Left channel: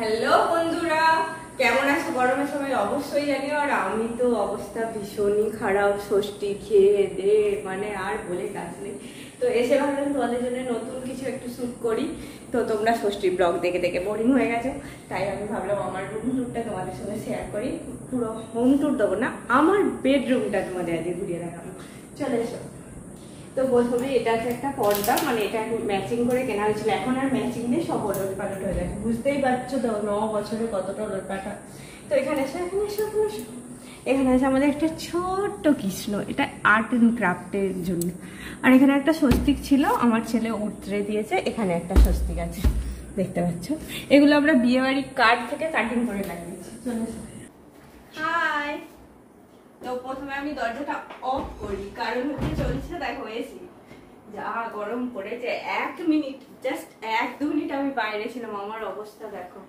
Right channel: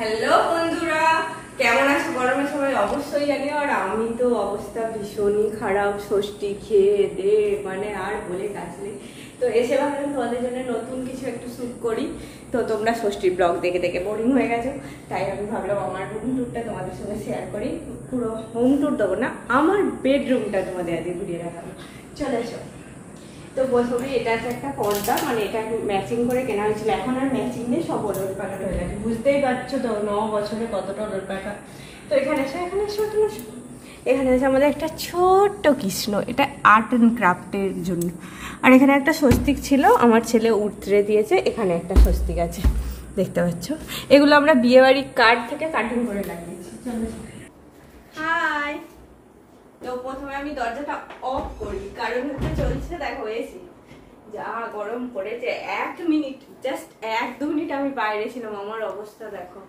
Hello বন্ধুরা, কেমন আছো? গরমে সবাই অবশ্যই জানিও। আর আমি তো অবস্থা ভীষণই খারাপ, ষষ্ঠী খেয়ে দে মানে আর বলে কাজ নেই। তো এসে ভাবলাম তোমাদের জন্য নতুন কিছু একটু শ্যুট করি। তো তোমরা ষষ্ঠী ব্লগ দেখে দেখে বোরিং হয়ে গেছো, তাই আমি ভাবলাম আমার রুম ট্যুরটা তোমাদের সঙ্গে শেয়ার করি। পুরো হোম ট্যুর দেবো না, আমার বেডরুমটা তোমাদের আজকে ঘুরিয়ে দেখাবো। চলে এসো। তো প্রথমে এটা আছে একটা পর্দা, মানে এটা ম্যাচিং করে কেনা হয়েছিল, এখন আর ম্যাচিং নেই, সব ওলট পালট হয়ে গেছে। বুঝতেই পারছো তো 9 বছরে কতটা ওলট পালট। তো এখানে এসে এখানে আছে আমাদের একটা ছোট্ট কৃষ্ণ, এটা আর্ট অ্যান্ড ক্রাফটের জন্য। আর এখানে একটা স্বস্তিক ছিল, আমার ছেলে উতরে দিয়েছে। এখানে একটা স্বস্তিক আছে, দেখতে পাচ্ছ। এগুলো আমরা বিয়েবাড়ির কার্ড থেকে কাটিং করে লাগিয়েছি। চলো। হাই। তো প্রথমে আমি দরজাটা অফ করি, কারণ হচ্ছে চলছে দেখো এসি, যা গরম পড়েছে। 1 মিনিট, জাস্ট 1-2 মিনিট আমি বাইরে ছিলাম, আমার অবস্থা দেখো।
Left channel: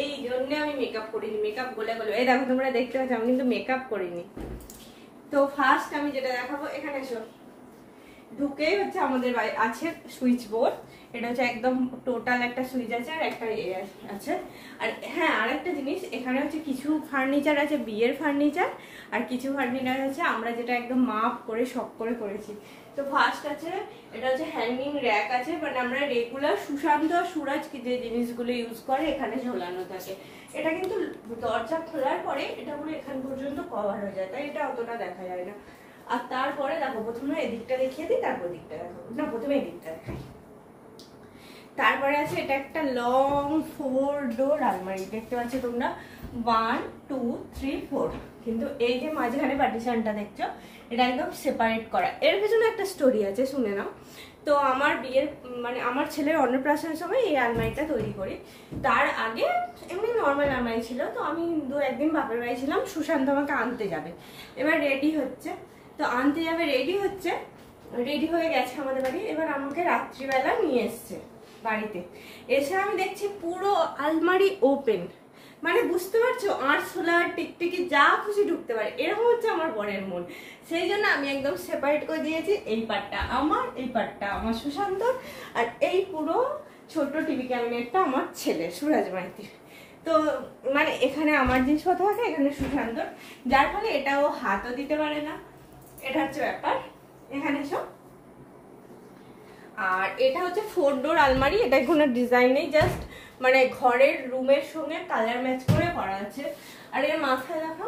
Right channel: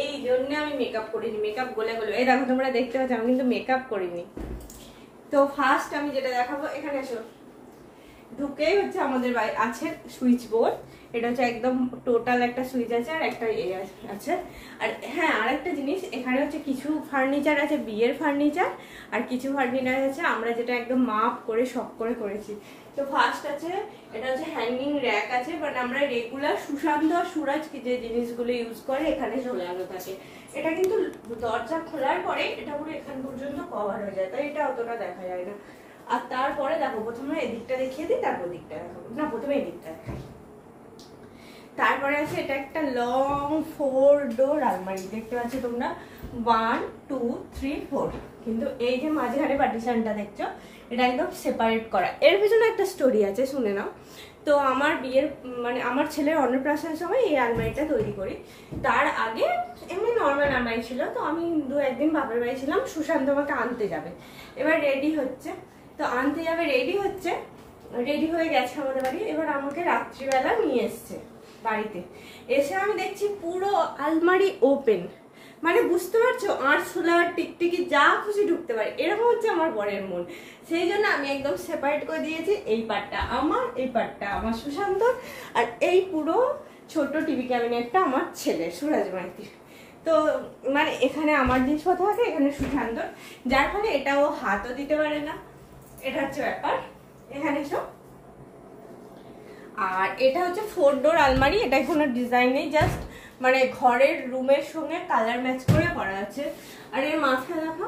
এই জন্য আমি মেকআপ করিনি, মেকআপ গলে গলে। এই দেখো তোমরা দেখতে পাচ্ছ আমি কিন্তু মেকআপ করিনি। তো ফার্স্ট আমি যেটা দেখাবো, এখানে এসো। ঢুকেই হচ্ছে আমাদের আছে সুইচ বোর্ড। এটা হচ্ছে একদম টোটাল একটা সুইচ আছে আর একটা আছে। আর হ্যাঁ, আর একটা জিনিস, এখানে হচ্ছে কিছু ফার্নিচার আছে বিয়ের ফার্নিচার, আর কিছু ফার্নিচার আছে আমরা যেটা একদম মাপ করে শখ করে করেছি। তো ফার্স্ট আছে, এটা হচ্ছে হ্যাঙ্গিং র্যাক আছে, মানে আমরা রেগুলার সুশান্ত আর সুরাজ যে জিনিসগুলো ইউজ করে এখানে ঝোলানো থাকে। এটা কিন্তু দরজা খোলার পরে এটা পুরো এখান পর্যন্ত কভার হয়ে যায়, তাই এটা অতটা দেখা যায় না। আর তারপরে দেখো, প্রথমে এদিকটা দেখিয়ে দিই, তারপর দিকটা দেখো না, প্রথমে এদিকটা দেখাই। তারপরে আছে এটা একটা লং 4 ডোর আলমারি, দেখতে পাচ্ছ তোমরা 1 2 3 4। কিন্তু এই যে মাঝখানে পার্টিশনটা দেখছো, এটা একদম সেপারেট করা। এর পিছনে একটা স্টোরি আছে, শুনে নাও। তো আমার বিয়ের মানে আমার ছেলের অন্নপ্রাশনের সময় এই আলমারিটা তৈরি করি। তার আগে এমনি নর্মাল আলমারি ছিল। তো আমি 2-1 দিন বাপের বাড়ি ছিলাম, সুশান্ত আমাকে আনতে যাবে, এবার রেডি হচ্ছে। তো আনতে যাবে, রেডি হয়ে গেছে আমাদের বাড়ি। এবার আমাকে রাত্রিবেলা নিয়ে এসছে বাড়িতে। এসে আমি দেখছি পুরো আলমারি ওপেন, মানে বুঝতে পারছো, আরশোলা টিকটিকি যা খুশি ঢুকতে পারে, এরকম হচ্ছে আমার বরের মন। সেই জন্য আমি একদম সেপারেট করে দিয়েছি, এই পার্টটা আমার, এই পার্টটা আমার সুশান্তর, আর এই পুরো ছোট টিভি ক্যাবিনেটটা আমার ছেলে সুরাজ মাইতির। তো মানে এখানে আমার জিনিসপত্র থাকে, এখানে সুশান্তর, যার ফলে এটাও হাতও দিতে পারে না। এটা হচ্ছে ব্যাপার। এখানে সব, আর এটা হচ্ছে 4 ডোর আলমারি। এটা কোনো ডিজাইন নেই, জাস্ট মানে ঘরের রুমের সঙ্গে কালার ম্যাচ করে করা আছে। আর এর মাথায় দেখো,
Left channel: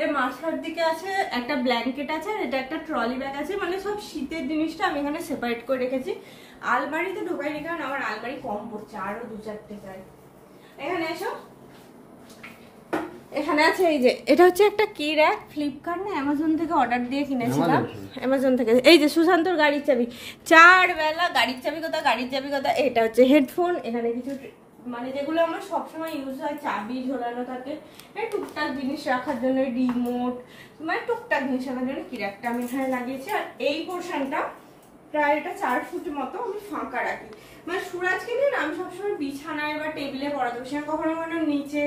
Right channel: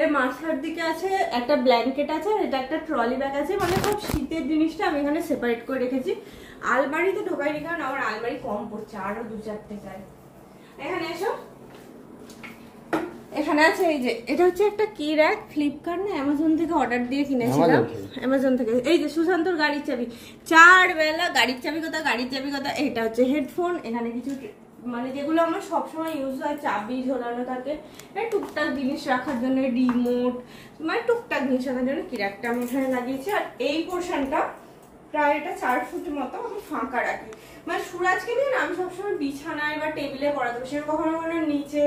এর মাথার দিকে আছে একটা ব্ল্যাঙ্কেট আছে, আর এটা একটা ট্রলি ব্যাগ আছে, মানে সব শীতের জিনিসটা আমি এখানে সেপারেট করে রেখেছি। আলমারিতে ঢোকাইনি, কারণ আমার আলমারি কম পড়ছে, আরো 2-4টে চাই। এখানে এসো, এখানে আছে এই যে, এটা হচ্ছে একটা কি র্যাক, ফ্লিপকার্ট না অ্যামাজন থেকে অর্ডার দিয়ে কিনেছিলাম। অ্যামাজন থেকে। এই যে সুশান্তর গাড়ির চাবি, 4 বেলা গাড়ির চাবি কথা, গাড়ির চাবি কথা। এটা হচ্ছে হেডফোন, এখানে কিছু মানে যেগুলো আমার সবসময় ইউজ হয়, চাবি ঝোলানো থাকে, টুকটাক জিনিস রাখার জন্য, রিমোট, মানে টুকটাক জিনিস রাখার জন্য কি র্যাকটা আমি এখানে লাগিয়েছি। আর এই পোর্শনটা প্রায় এটা 4 ফুট মতো আমি ফাঁকা রাখি। মানে সুরাজকে নিয়ে না আমি সবসময় বিছানায় বা টেবিলে পড়াতে বসে, কখনো কখনো নিচে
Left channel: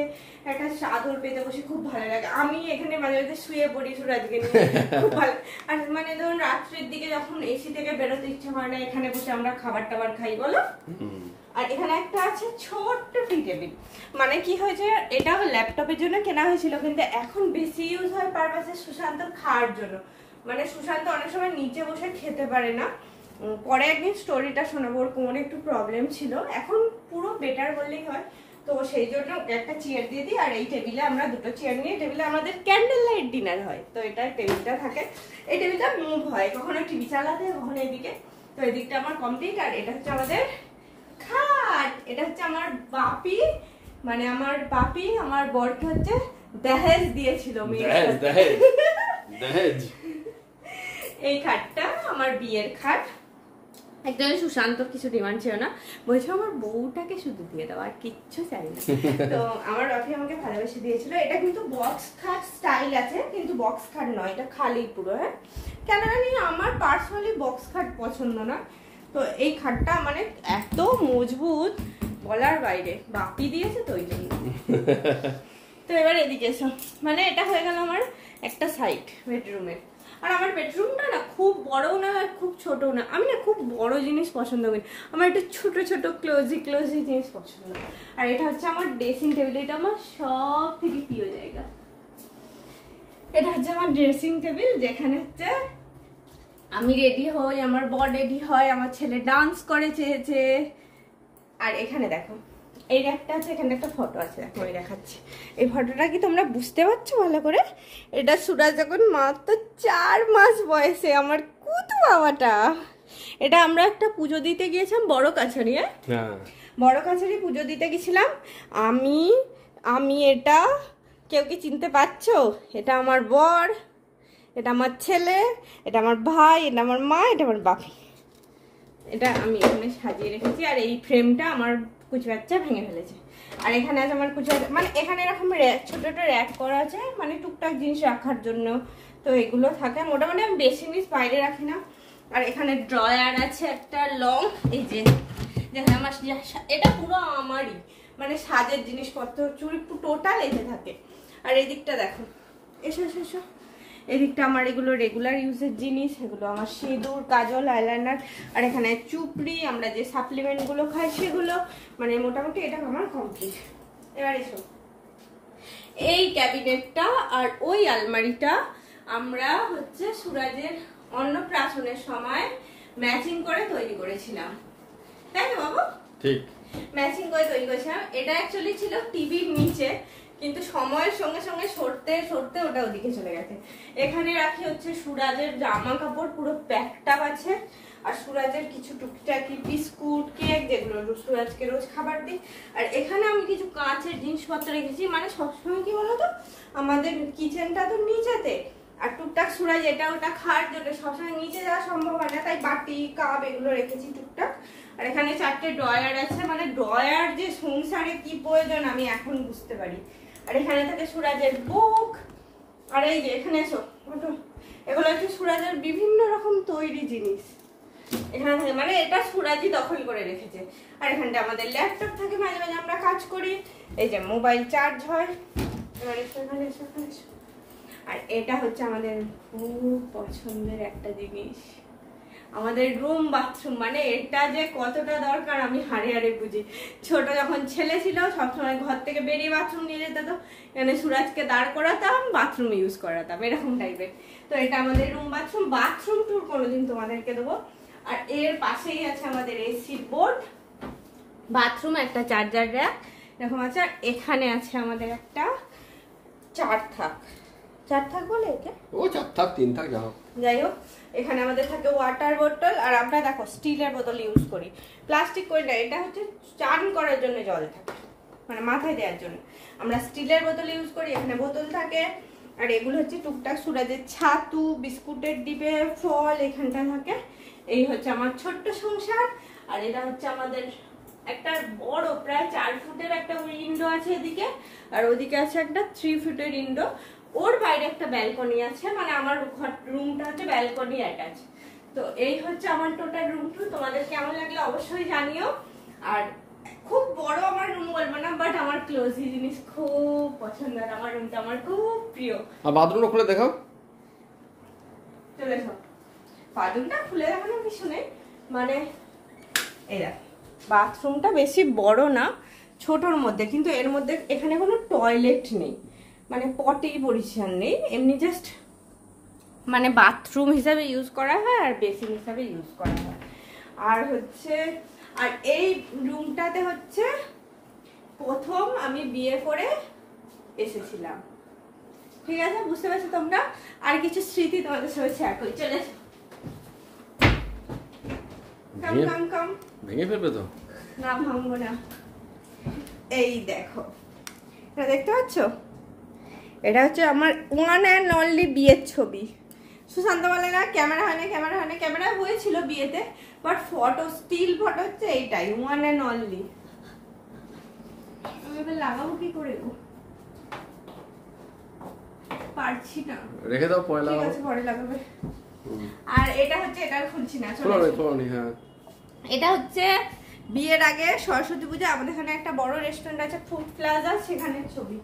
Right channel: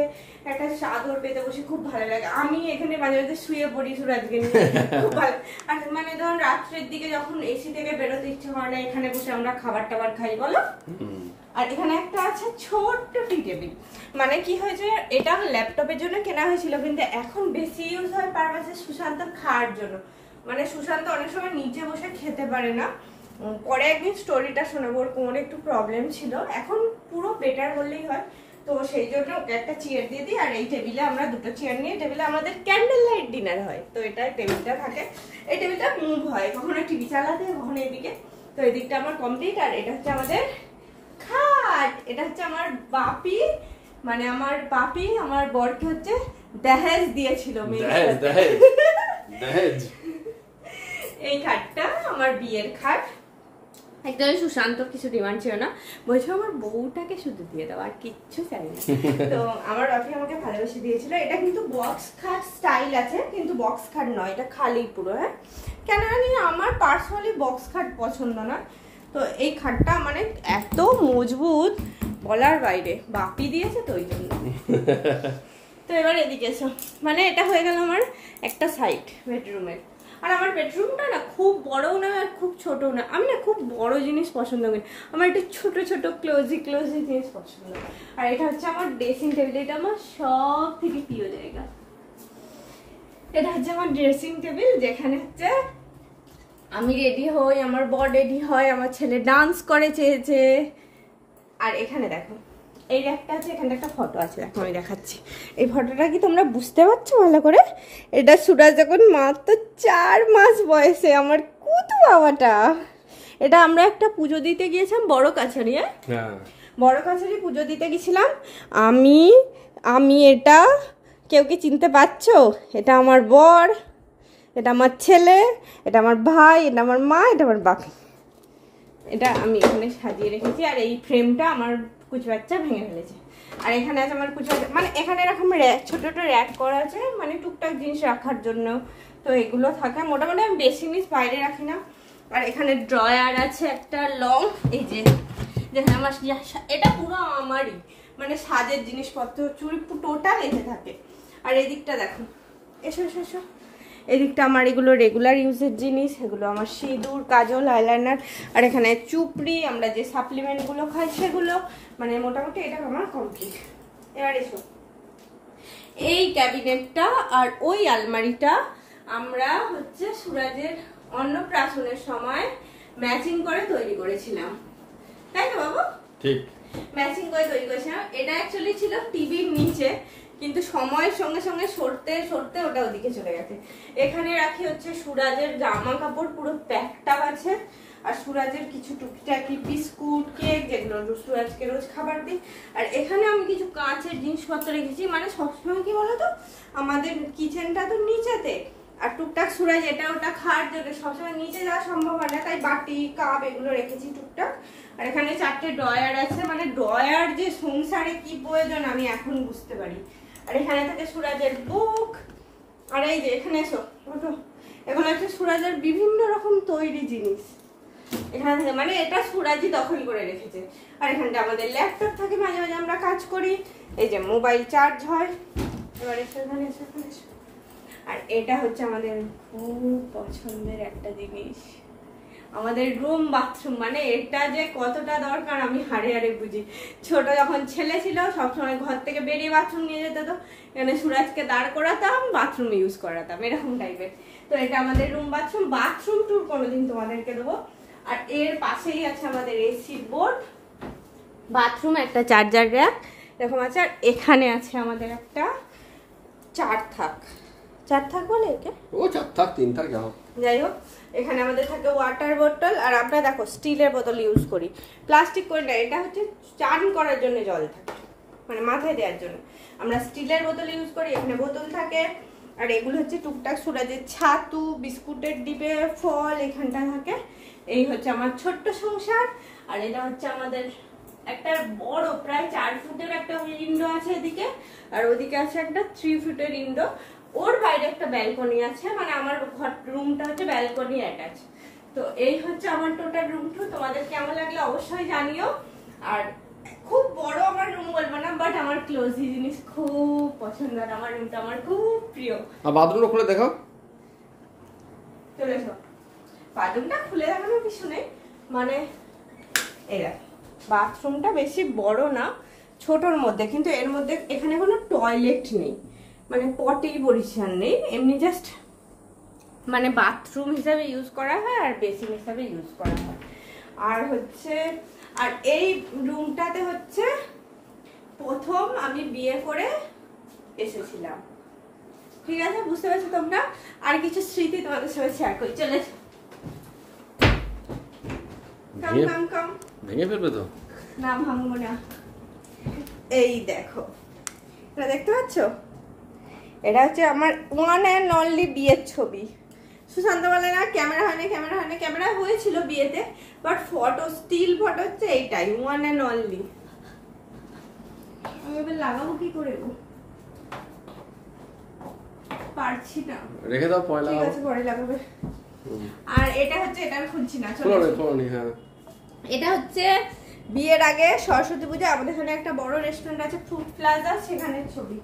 একটা চাদর পেতে বসে, খুব ভালো লাগে। আমি এখানে মাঝে মাঝে শুয়ে পড়ি সুরাজকে নিয়ে, খুব ভালো। আর মানে ধরুন রাত্রের দিকে যখন এসি থেকে বেরোতে ইচ্ছা হয় না, এখানে বসে আমরা খাবার টাবার খাই, বলো। আর এখানে একটা আছে ছোট্ট টি টেবিল, মানে কি হয়েছে, এটা ল্যাপটপের জন্য কেনা হয়েছিল, কিন্তু এখন বেশি ইউজ হয় পারপাসে সুশান্তর খাওয়ার জন্য। মানে সুশান্ত অনেক সময় নিচে বসে খেতে পারে না। পরে একদিন স্টোরিটা শোনাবো, ওর কোমরে একটু প্রবলেম ছিল, এখন পুরো বেটার বললেই হয়। তো সেই জন্য ওকে একটা চেয়ার দিয়ে দিই, আর এই টেবিলে আমরা 2টো চেয়ার নিয়ে, টেবিলে আমাদের ক্যান্ডেল লাইট ডিনার হয়, তো এটা টেবিলটা থাকে। এই টেবিলটা মুভ হয়, কখনো টিভি চালাতে, কখনো এদিকে। তো এদিকটা আমার কমপ্লিট। আর এটা হচ্ছে আমাদের খাট, এটা হচ্ছে আমার বাপি, মানে আমার বাপি আমার বরকে হচ্ছে দহেজ দিয়েছিল। এই খাটটা আমার বিয়ের খাট। একদম সুশান্তর কিছু ডিমান্ড ছিল না, বলছে আমার বউটাকে শুধু দিয়ে দাও, আর কিচ্ছু চাই না। তো আমার বাপি আমাকে ভালোবেসে দিয়েছিল। এটা কিন্তু বক্স খাট স্টাইল আছে, কিন্তু বক্স খাট নয়, এটা খালি পুরো। হ্যাঁ, কেন জানি আমার পার্সোনালি বক্স খাট পছন্দ না। তো এই খাটটা মানে এত মজবুত বলার বাইরে, বাপি দিয়েছে তো ওই জন্য। তো এবার এদিকে এসো, মানে এটা হয়ে গেল আমার একটা সাইড বেডরুমের। আর আমার বেডরুমটা না খুব বড়ও না আর খুব ছোটও না, আমি না খুব বড় জিনিস পছন্দ করি, আমার একটু ছোট ছোট ক্লোজি জিনিস পছন্দ। আর এটা হচ্ছে আমার ড্রেসিং টেবিল, এটা আমার সব থেকে প্রিয় জায়গা। এটা হচ্ছে আমার ড্রেসিং টেবিল, যেখানে হচ্ছে আমি রেডি হই, আমার বর রেডি হয়, আমার ছেলে ডান্স করে চেয়েছে। আর এখানে দেখো এই একটা আছে, এখানে একটা ফটো আছে, দেখো আমি দেখাচ্ছি। এই ফটোটা কি তোমরা বুঝতে পারছো ভালো করে? এটা সুরাজ যখন মাত্র 4 মাস বয়সে, আমার কুতু বাবাটা। এটা আমরা একটা পুজো দিতে গিয়েছিলাম বড় কাছারি, বড় কাছারি পুজো দিতে গেছিলাম। আমি এটা কেউ কি চিনতে পারছো? এটা আমার বর, এটা আমার ছেলে, এটা আমার ভাই, এটা আমার মা, এটা আমার বাপি। এটা আমি এখানে সাজিয়ে রেখেছি। আর এই ফ্রেমটা আমার কুচি বাচ্চা ভেঙে ফেলেছে। আর এখানে আছে আমার কুচি, মানে এখানে এরকম ছোট ছোট র্যাক করা আছে, মানে টুকটাক জিনিস রাখার জন্য। তো এগুলো থাকে, মোটামুটি আমি বেশি জিনিস বাইরে রাখি না। আর এখানে ড্রয়ার আছে একটা লং, এই যে যেখানে আমার এটা পুরো আমারই, মানে সাজের জিনিসপত্র চুড়ি টোটাল এসে থাকে। আর এদিকটা দেখো, এসো এসো এসো, এদিকটা আমার এগুলো রেগুলার ইউজের জিনিস, এগুলো আমার সিঁদুর, কাজল, আইলাইনার। আর এখানে চুপড়ি, আমরা যে সাপ্লিমেন্টগুলো খাই সেগুলো, মানে মোটামুটি এটা আমার কমপ্লিট। এবার এসো, এই ক্যাবিনেটটা আর ওই আলমারিটা আমরা হচ্ছে সুরাজের অন্নপ্রাশনের সময় ম্যাচিং করে তৈরি করেছিলাম, তাই না বাবু? ঠিক, ম্যাচিং করে তৈরি করেছিলাম। এটা অ্যাকচুয়ালি ছিল টিভির নিচে, কিন্তু সময়ের সঙ্গে সঙ্গে সরতে সরতে ওটা ওদিকে চলে গেছে। এখানে রাখি হচ্ছে সুরাজের জামা কাপড়, পুরো প্যাকটা আছে। আর সুরাজের কিছু টুকিটাকি বিস্কুট, কেক, যেগুলো সুরাজকে রোজ খাবার দিই। আর এখানে আমি কিছু কাঁচের জিনিসপত্র রেখেছি, মানে সবসময় কি বলতো, আমাদের কিচেনটা তো নিচেতে, আর টুকটাক সুরাজ এটা ওটা খাওয়ার জন্য সবসময় নিচে যাওয়া সম্ভব হয় না, তাই বাটি কাপ এগুলো রেখেছি টুকটাক। আর এখানে 4টে ড্রয়ার আছে, মানে ড্রয়ার যে সংসারে কি প্রয়োজন আমি এখন বুঝতে পারি। আর এখানে থাকে সুরাজের বুক। আর এই যে এখানে এসো, এগুলো হচ্ছে সুরাজের বিভিন্ন রকম তৈরি জিনিস এখানে থাকে, মানে এটা সুরাজই দখল করে রেখেছে। আর এখানটা আমাদের ল্যাপটপ থাকে, মাঝে মাঝে আমরা কাজ করি। এই যে মোবাইল চার্জ হয়। এবার এখানে এসো, এখানে এসো। আর এটা হচ্ছে আমাদের খুব পছন্দের একটা জিনিস, আমাদের রুম বাথরুম। মানে এটা যে কতটা দরকার আমি হাড়ে হাড়ে বুঝি। ছোট যখন ছেলে ছিল সবসময় ঘর থেকে বেরিয়ে বাথরুম নিয়ে যেতে, তো এখানে সুরাজকে দাঁড় করাতাম, বাথরুম ইউজ করাতাম, এরকম টাইপের। তো এটা আমাদের রুম বাথরুম। বাথরুম ট্যুর কোনোদিন তোমাদেরকে দেবো। আর এর পাশেই আছে আমাদের এসির বোর্ড, বাথরুম, একটা চার্জার র্যাক এরকম আছে। আর এখানে আছে আমাদের একটা 4 থাক বলে একে, ও 4 থাক 3 থাক যাই হোক। এখানে আমাদের থাকে ওয়াটার বোতল। আর আমরা দেখো স্টিলের বোতল ইউজ করি, প্লাস্টিক করি না। এটা হচ্ছে চান করার জন্য জল থাকে, মানে মাথায় দেওয়ার জন্য আমরা স্টিলের বোতল ইউজ করি। এখানে বোতল থাকে। আর এগুলো হচ্ছে টুকটাক সুরাজের ছাতু, বিস্কুটের ডিবে, ফল এখানটা থাকে। এই হচ্ছে আমার ছোট্ট সংসার। আর এটা হচ্ছে আমাদের একটা বড় প্রায় 4 ফুটের একটা উইন্ডো আছে এদিকে, আর ওদিকে আছে একটা 3 ফুটের উইন্ডো। ওর বাইরে একটা ব্যালকনি আছে, মানে আমার ঘর রুমটা হচ্ছে ব্যালকনি অ্যাটাচ। তো এই হচ্ছে আমার টোটাল রুম টু। তোমাদের কেমন লাগলো অবশ্যই জানিও। আর খুব বড় আমার রুম বলবো না, বাট আমার ক্লোজি জিনিস খুব পছন্দ, আর আমার রুমটা আমার খুব প্রিয়। আর বাথরুমটা খুলে দেখাও, চলে এসো। বাথরুমটা খুলে দেখানোর কিছু নেই, মানে এরা বাথরুমটা বেশি বড় না, ছোটর মধ্যে, কিন্তু এর মধ্যে এখানে কোনো টয়লেট নেই, মানে পটি পরিষ্কার নেই, এমনি জাস্ট মানে বাথরুম হিসাবে ইউজ করা হয় আর বেসিন হিসাবে ইউজ করা হয়। আর হচ্ছে, আর এই রুমটাতে হচ্ছে প্রথম আমি বিয়ে করে এসেছিলাম, ঠিক আছে? বুঝতে পারছো তোমরা? আর কিছু স্মৃতি তোমাদের সঙ্গে শেয়ার করি, চলে ভেঙে ফেলবে তো? না, ভাঙবো না। এই দেখো, এটা দেখতে পাচ্ছ? এটা হচ্ছে আমার ওয়ান অ্যান্ড অনলি বিয়ের ছবি। সুশান্ত বলে না ক্যামেরা হয় না, ক্যামেরা হয় না, ক্যামেরা হয়েছিল বিয়েতে, বাট ফটো, স্টিল ফটো হচ্ছে এইটাই, ওয়ান অ্যান্ড অনলি। আমি এবার লাগাবো কি করে গো, পারছি না, রেখে দাও, পরে লাগাবো। ঠিক আছে, পরে লাগাবে। আর এটা হচ্ছে, এটা খুলছি না, চলো। হ্যাঁ, এটা হচ্ছে বিয়ের আগে সরস্বতী পূজা আমাদের এখানে একটা বড় রেস্টুরেন্ট আছে ফুড প্লাজা, সেখানের ছবি।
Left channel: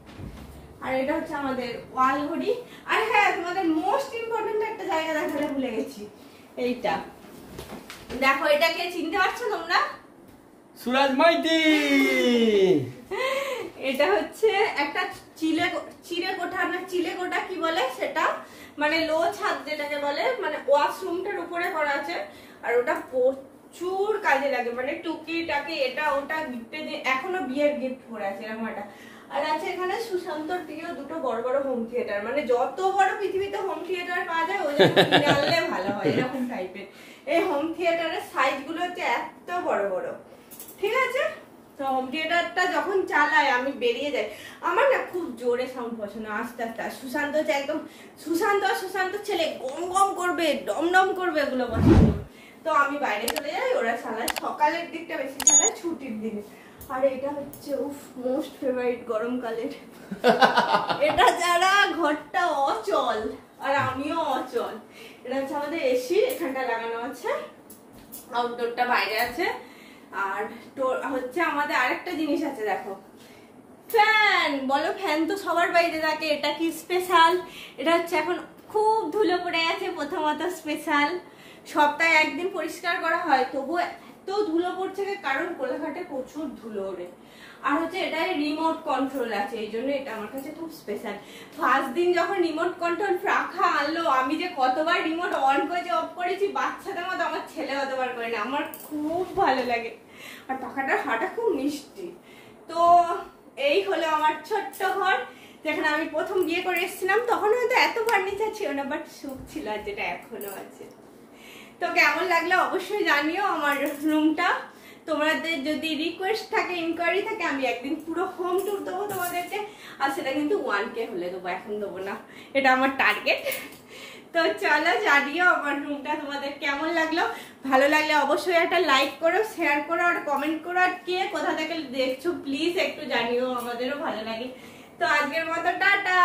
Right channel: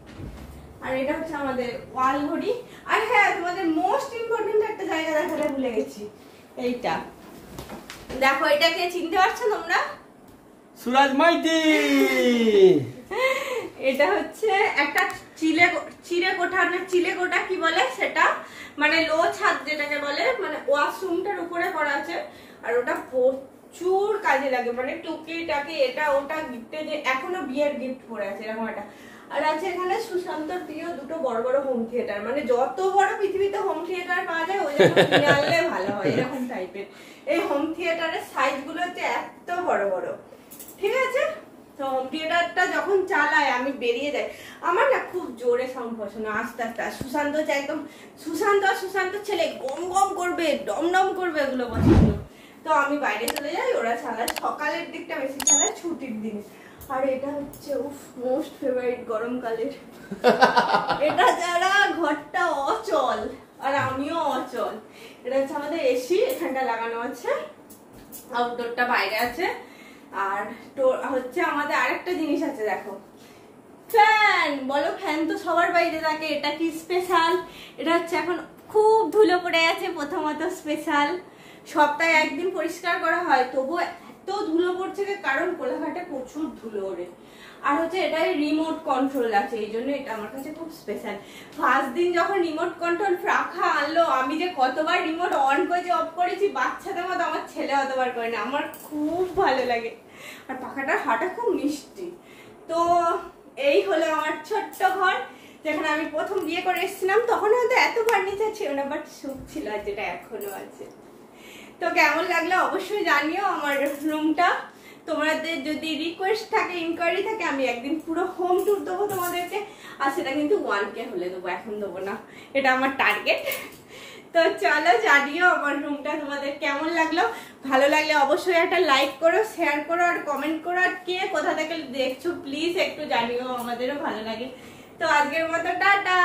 আর এটা হচ্ছে আমাদের ওয়াল ঘড়ি। আর হ্যাঁ, তোমাদের মোস্ট ইম্পর্টেন্ট একটা জায়গা দেখাতে ভুলে গেছি, এইটা দেখো। এটাকে চিনতে পারছো তোমরা? সুরাজ মাইতি। এটা হচ্ছে একটা চিলেকোঠা, না চিলেকোঠা কি বলে সেটা, মানে লো ছাদ যেটাকে বলে, মানে ওয়াশরুমটার উপরে করা আছে। আর ওটা প্রচুর কাজে লাগে, মানে টুকি টাকি এটা ওটা গিফটে যে এখনো বিয়ের গিফট পড়ে আছে এরকম একটা। আর আছে এখানে সুশান্তর প্রিয় দুটো বড় বড় হোম থিয়েটার, মানে যত বড় পৃথিবীতে হোম থিয়েটার পাওয়া যায় ওই কিনে আনলে ভালো হয়, এরকম টাইপের। এই হোম থিয়েটারের সাইজ গুলো হচ্ছে এত বড় বড়, ঠিক আছে? তো হোম থিয়েটারটা যখন চালায় আমি বেরিয়ে যাই, আমার না খুব জোরে সাউন্ড পছন্দ, আস্তে আস্তে। সুশান্ত হচ্ছে একদম সুশান্ত ছেলে, গম গম করবে, ডম ডম করবে, এগুলো পছন্দ। তো আমি বাইরে চলে যাই, ওরা চালায় সকালের দিকটা বেশি চালায়, ছুটির দিনে। আর এটা হচ্ছে মোস্ট ফেভারিট গরমকালের। এটা যারা ঘরটা অচল, আর আমিও অচল। এটা হচ্ছে আমাদের এসি, এখানটা লাগানো আছে, আউটডোরটা বাইরে আছে। আর হচ্ছে আমাদের আরেকটা জিনিস আছে, দেখো, ফ্যান। বলো, ফ্যান তো সবার বাইরে থাকে, এটা কি স্পেশাল? এটা হচ্ছে এখন খুব ধুলো পড়ে আছে, প্রথমত স্পেশাল। সপ্তাহে একদিন পরিষ্কার করা হয়, তবুও এত ধুলো পড়ছে, কারণ কোলাঘাটে প্রচুর ধুলো ওড়ে। আর হচ্ছে এটাই রিমোট কন্ট্রোল আছে, এই জন্য এটা আমার কাছে খুব স্পেশাল। ফার্স্ট দিন যখন রিমোট কন্ট্রোল রাখা আনলো, আমি যে কতবার রিমোট অন করেছি অফ করেছি, বাচ্চাদের মতো, আমার ছেলে অতবার করে না, আমার খুব ভালো লাগে। আর পাখাটার হাওয়াটা খুব মিষ্টি। তো এই হলো আমার ছোট্ট ঘর, যেখানে আমি প্রথম বিয়ে করে এসেছিলাম। তখন হয়তো এত ফার্নিচার ছিল না, বাট সুখ ছিল, যেটা এখনো আছে। তো কেমন লাগলো অবশ্যই জানিও আমার রুমটা। তোমাদের যদি রিকোয়েস্ট থাকে, ইনকোয়ারি থাকে, আমি একদিন পুরো হোম ট্যুর দেবো তোমাদেরকে। আর সেটা কিন্তু 1K হলে দেবো, এখন দেবো না, এটা আমার টার্গেট। তো চলো জানিও আমার রুমটা তোমাদের কেমন লাগলো। ভালো লাগলে অবশ্যই একটা লাইক করো, শেয়ার করো, আর কমেন্ট করো। আর কে কোথা থেকে দেখছো প্লিজ একটু জানিও, আমাদেরও ভালো লাগে। তো আজকের মতো টাটা।